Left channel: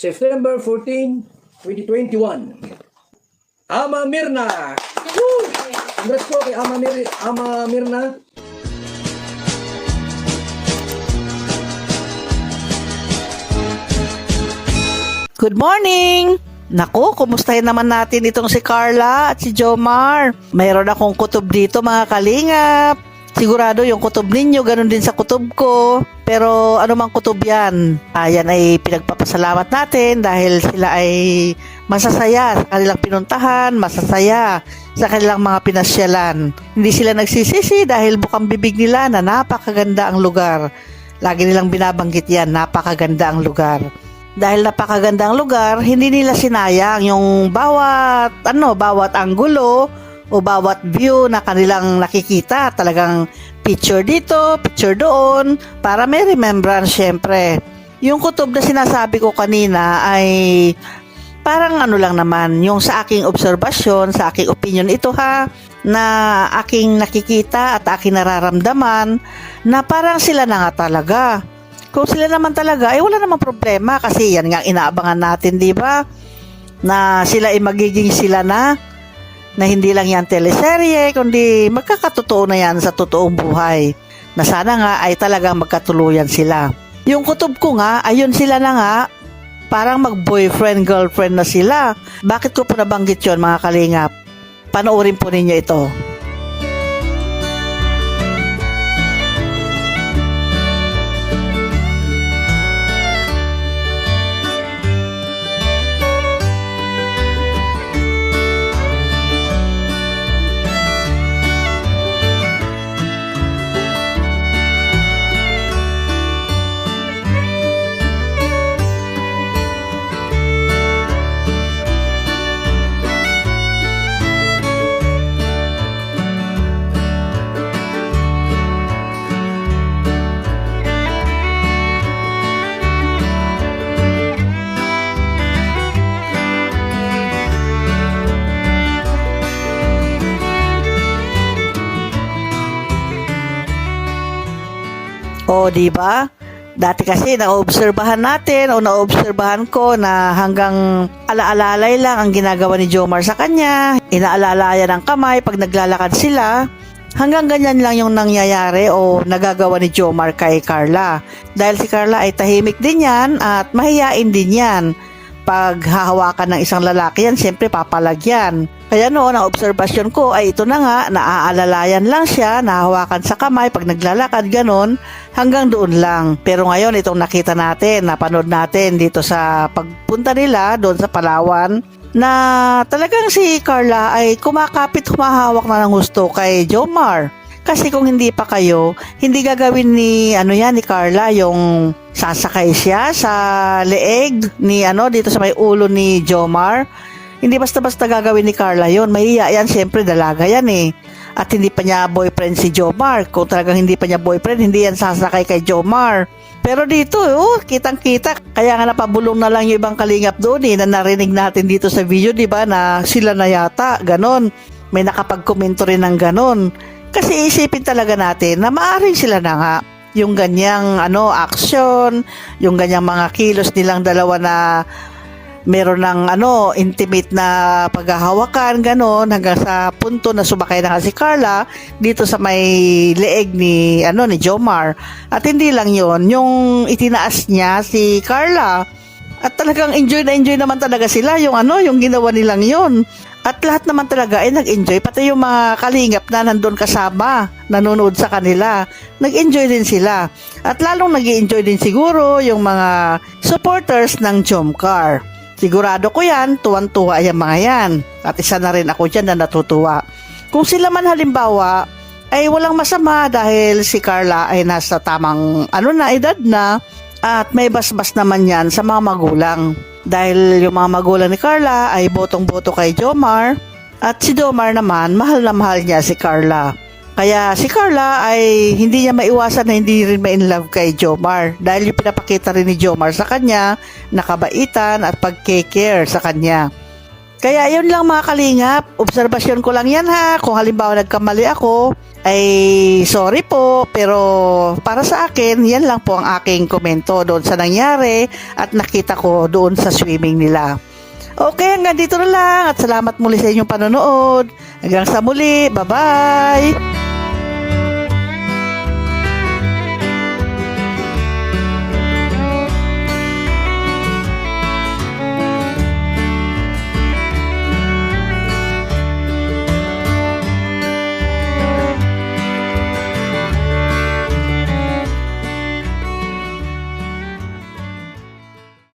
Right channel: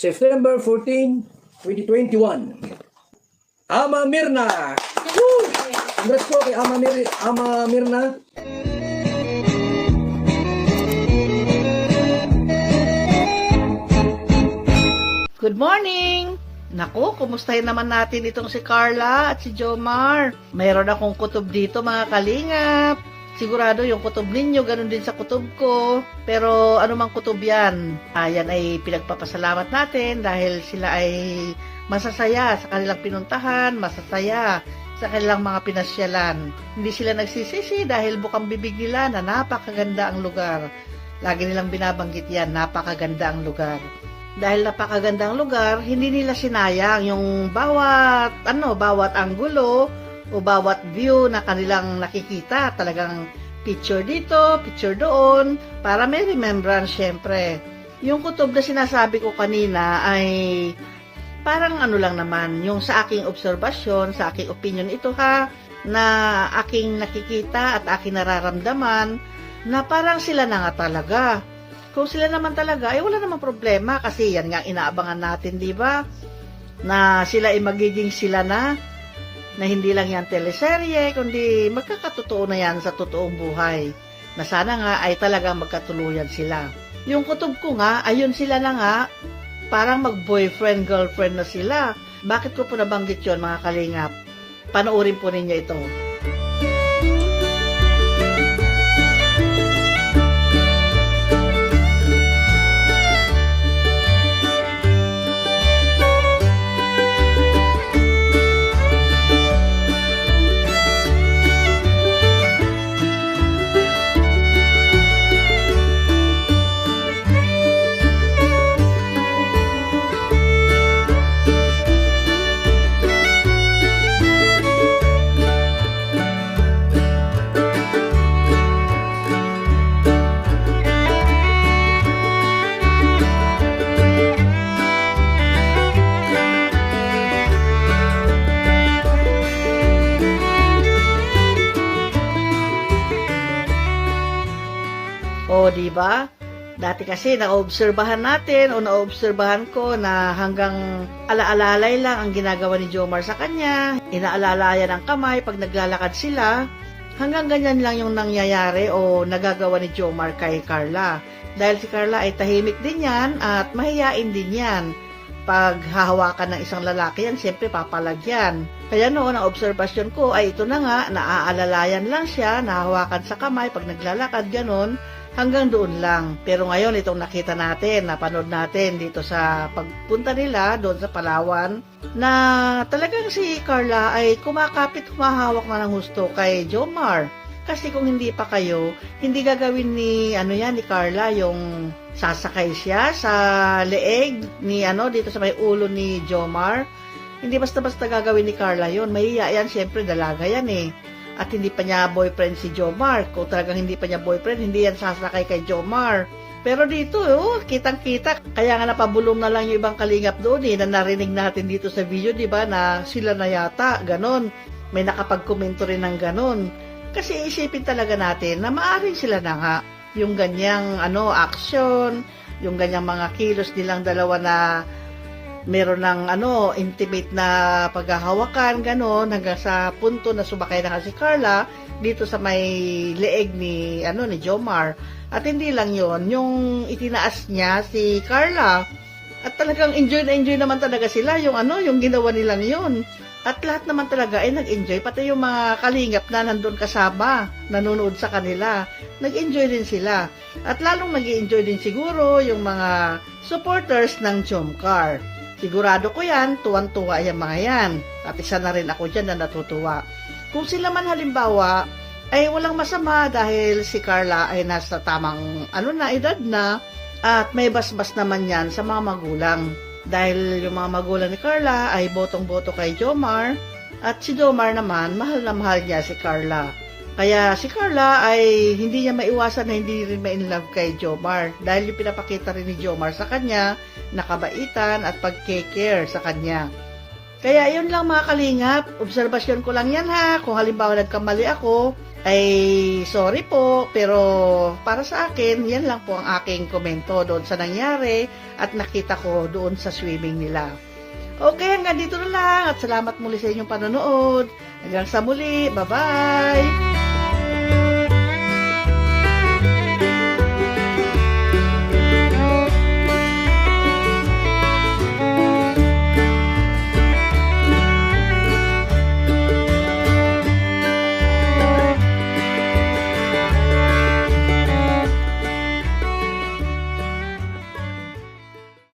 September 14, 2021. Ama Mirna! Woo! Congrats po kay Ama Mirna. Good morning! Naku, kumustahin naman natin itong si Carla at si Jomar. Mayroon akong kutob dito mga kalingap. Sigurado yung kutob ninyo, ganun din sa kutob ko. Pero ano mang kutob yan? Ayan ay pinagpapasalamat natin dahil sila ay masasaya sa kanilang pinuntahan, masasaya sa kanilang mga pinasyalan. Hindi sila nagsisisi dahil bukang bibig nila na napakaganda ang lugar. Lagi nilang binabanggit yan, napakaganda ang lugar. Dahil napakaganda ang lugar, hindi nila sinayang yung bawat anggulo o bawat view na kanilang nakikita. Talagang picture dito, picture doon, para may remembrance syempre. Yung kutob na sinasabi ko kanina ay parang ano lang naman, yung sa aking obserbasyon, sa aking opinion ito ha, na aking nakikita at aking nararamdaman na parang sila na nga talaga. Kung sila naman talaga, ay wala namang problema kasi yan nga inaabangan natin, di ba? Na sila ay magiging sila na hindi lang yan teleserye, kundi magkakatotoo na yan sa totoong buhay. Na sana nga ay talagang magkatuluyan sila. Yung kutob ko nga, ayun sila na nga, parang mag-boyfriend, girlfriend na sila. Bakit ko po nabanggit yun mga kalingap? Panoorin po ninyo ito. O, di ba? Dati kasi naobserbahan natin o naobserbahan ko na hanggang alaalalay lang ang ginagawa ni Jomar sa kanya. Inaalalayan ang kamay pag naglalakad sila. Hanggang ganyan lang yung nangyayari o nagagawa ni Jomar kay Carla. Dahil si Carla ay tahimik din yan at mahiyain din yan. Pag hahawakan ng isang lalaki yan, siyempre papalagyan. Kaya noon, ang obserbasyon ko ay ito na nga, naaalalayan lang siya, nahawakan sa kamay, pag naglalakad, ganon, hanggang doon lang. Pero ngayon, itong nakita natin, napanood natin dito sa pagpunta nila, doon sa Palawan, na talagang si Carla ay kumakapit, humahawak na ng gusto kay Jomar. Kasi kung hindi pa kayo, hindi gagawin ni Carla yung sasakay siya sa leeg ni dito sa may ulo ni Jomar. Hindi basta-basta gagawin ni Carla yon. Mahiya yan, syempre dalaga yan eh. At hindi pa niya boyfriend si Jomar. Kung talagang hindi pa niya boyfriend, hindi yan sasakay kay Jomar. Pero dito, kitang-kita. Kaya nga napabulong na lang yung ibang kalingap doon na narinig natin dito sa video, di ba, na sila na yata, ganon. May nakapag-komento rin ng ganon. Kasi isipin talaga natin na maaaring sila na nga yung ganyang action, yung ganyang mga kilos nilang dalawa na meron ng intimate na paghahawakan, ganon, hanggang sa punto na sumakay na nga si Carla dito sa may leeg ni Jomar. At hindi lang yon, yung itinaas niya si Carla. At talagang enjoy na enjoy naman talaga sila yung ginawa nilang yon. At lahat naman talaga ay nag-enjoy, pati yung mga kalingap na nandun kasama, nanonood sa kanila, nag-enjoy din sila. At lalong nag-enjoy din siguro yung mga supporters ng Jomcar. Sigurado ko yan, tuwan-tuwa yung mga yan. At isa na rin ako dyan na natutuwa. Kung sila man halimbawa, ay walang masama dahil si Carla ay nasa tamang edad na, at may basbas naman yan sa mga magulang. Dahil yung mga magulang ni Carla ay botong-boto kay Jomar, at si Jomar naman mahal na mahal niya si Carla. Kaya si Carla ay hindi niya maiwasan na hindi rin ma-inlove kay Jomar dahil yung pinapakita rin ni Jomar sa kanya na kabaitan at pag-care sa kanya. Kaya yun lang mga kalingap, obserbasyon ko lang yan ha. Kung halimbawa nagkamali ako, ay sorry po, pero para sa akin, yan lang po ang aking komento doon sa nangyari at nakita ko doon sa swimming nila. Okay, hanggang dito na lang at salamat muli sa inyong panonood. Hanggang sa muli, bye-bye!